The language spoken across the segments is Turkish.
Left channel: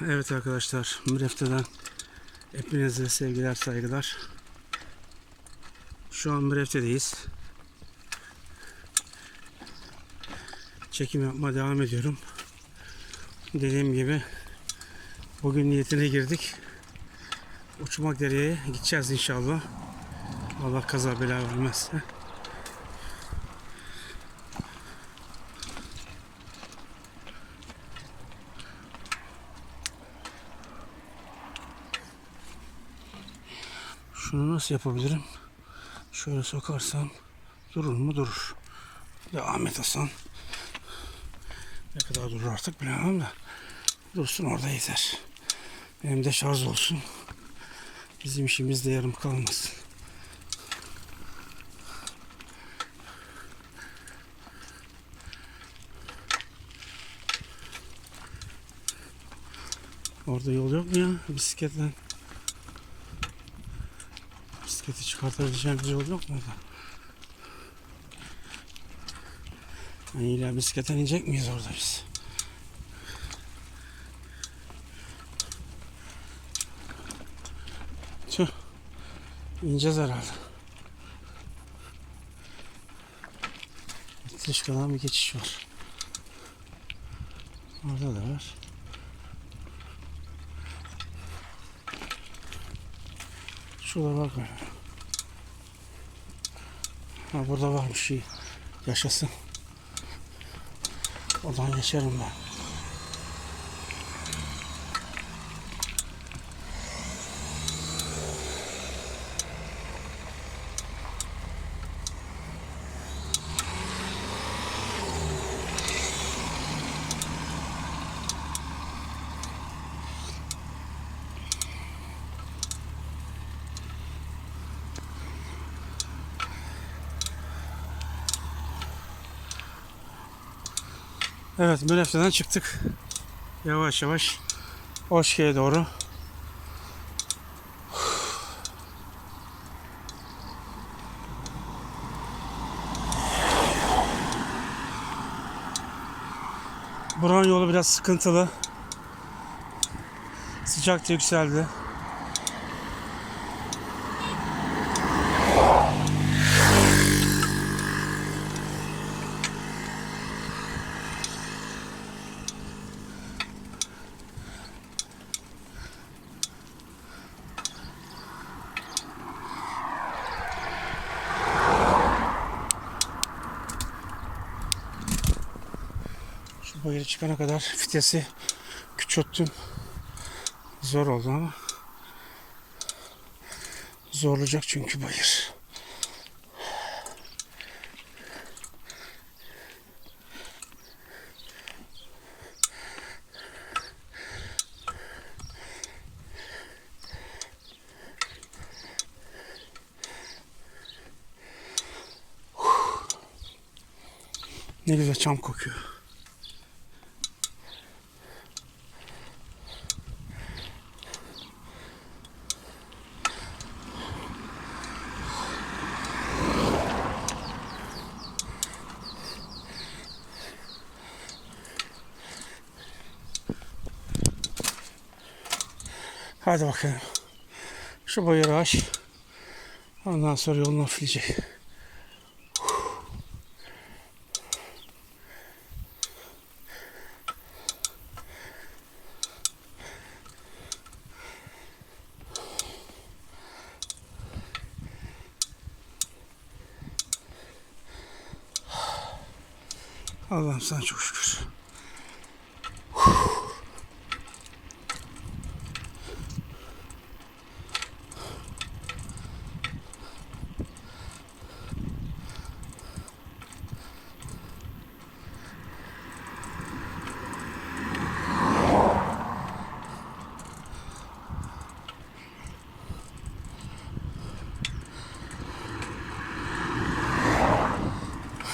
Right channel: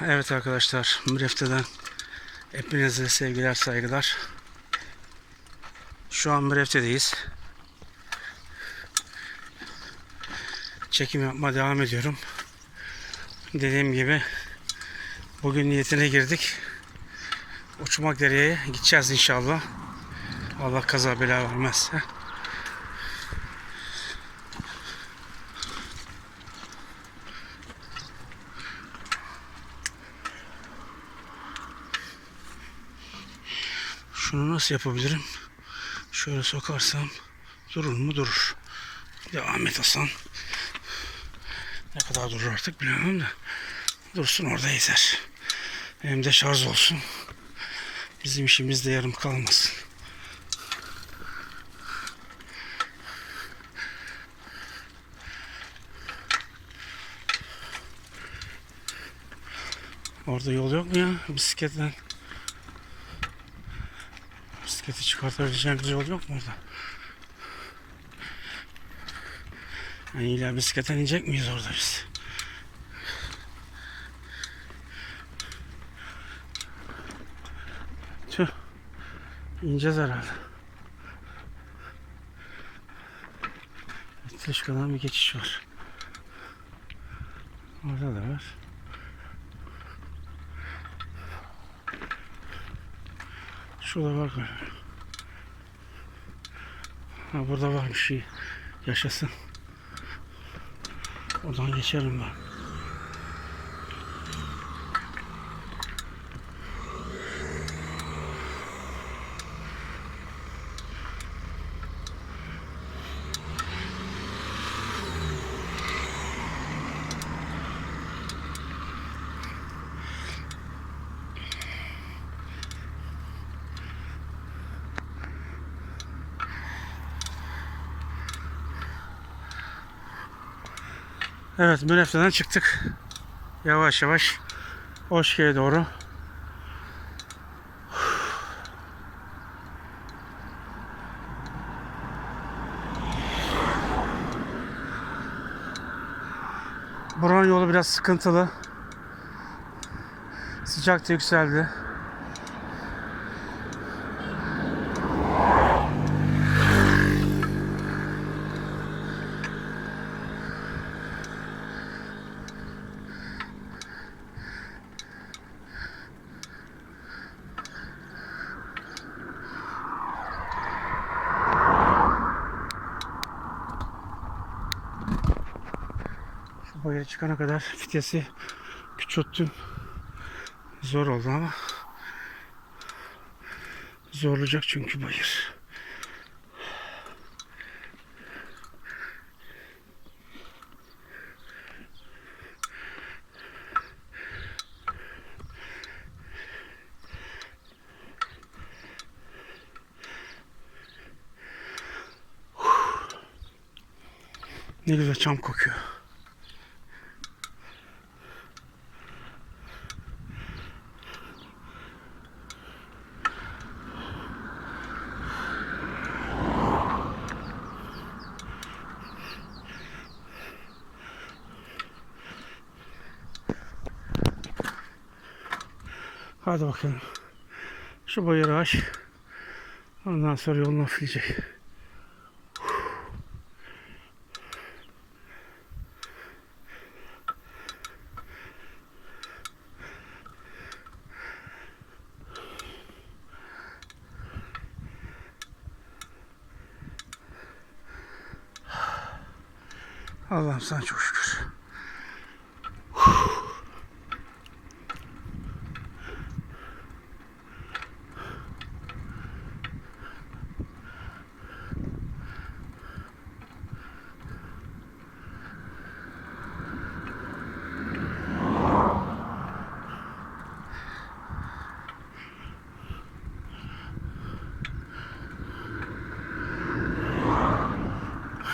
Evet arkadaşlar, Mürefte'den hepinize sevgiler, saygılar. Şu an Mürefte'deyiz. Çekim yapmaya devam ediyorum. Dediğim gibi bugün niyetine girdik. Uçmak dereye gideceğiz inşallah. Allah kaza bela vermezse. Şunu nasıl yapabilirim? Şöyle sokarsam durur mu? Durur. Devam et Hasan. Ne kadar durur artık bilemem de. Dursun orada yeter. Hem de şarj olsun. Bizim işimiz de yarım kalmasın. Orada yol yok mu ya bisikletten? Bisikleti çıkartabileceğimiz yol yok mu orada? Yani illa bisikletten inecek miyiz orada biz? Tüh. İneceğiz herhalde. Tırışkadan bir geçiş var. Orada da var. Şurada bak. Ha burada var bir şey. Yaşasın. Oradan geçerim ben. Evet Münefte'den çıktık. Yavaş yavaş Oşke'ye doğru. Buranın yolu biraz sıkıntılı. Sıcak da yükseldi. Şu bayırı çıkana kadar fitesi küçülttüm. Zor oldu ama. Zorlayacak çünkü bayır. Ne güzel çam kokuyor. Hadi bakalım. Şu bayırı aç. Ondan sonra yolun hafifleyecek. Allah'ım sana çok şükür.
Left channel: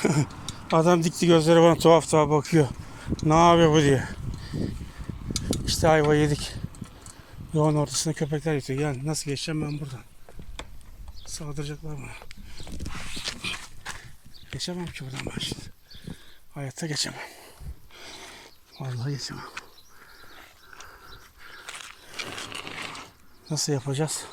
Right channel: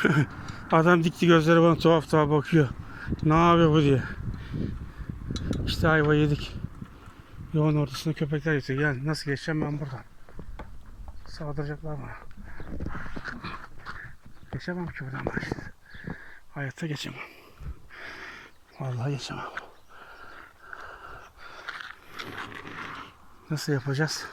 Adam dikti gözleri bana tuhaf tuhaf bakıyor. Ne yapıyor bu diye. İşte ayva yedik. Yolun ortasında köpekler yatıyor. Yani nasıl geçeceğim ben buradan? Saldıracaklar bana. Geçemem ki buradan ben şimdi. Hayatta geçemem. Vallahi geçemem. Nasıl yapacağız?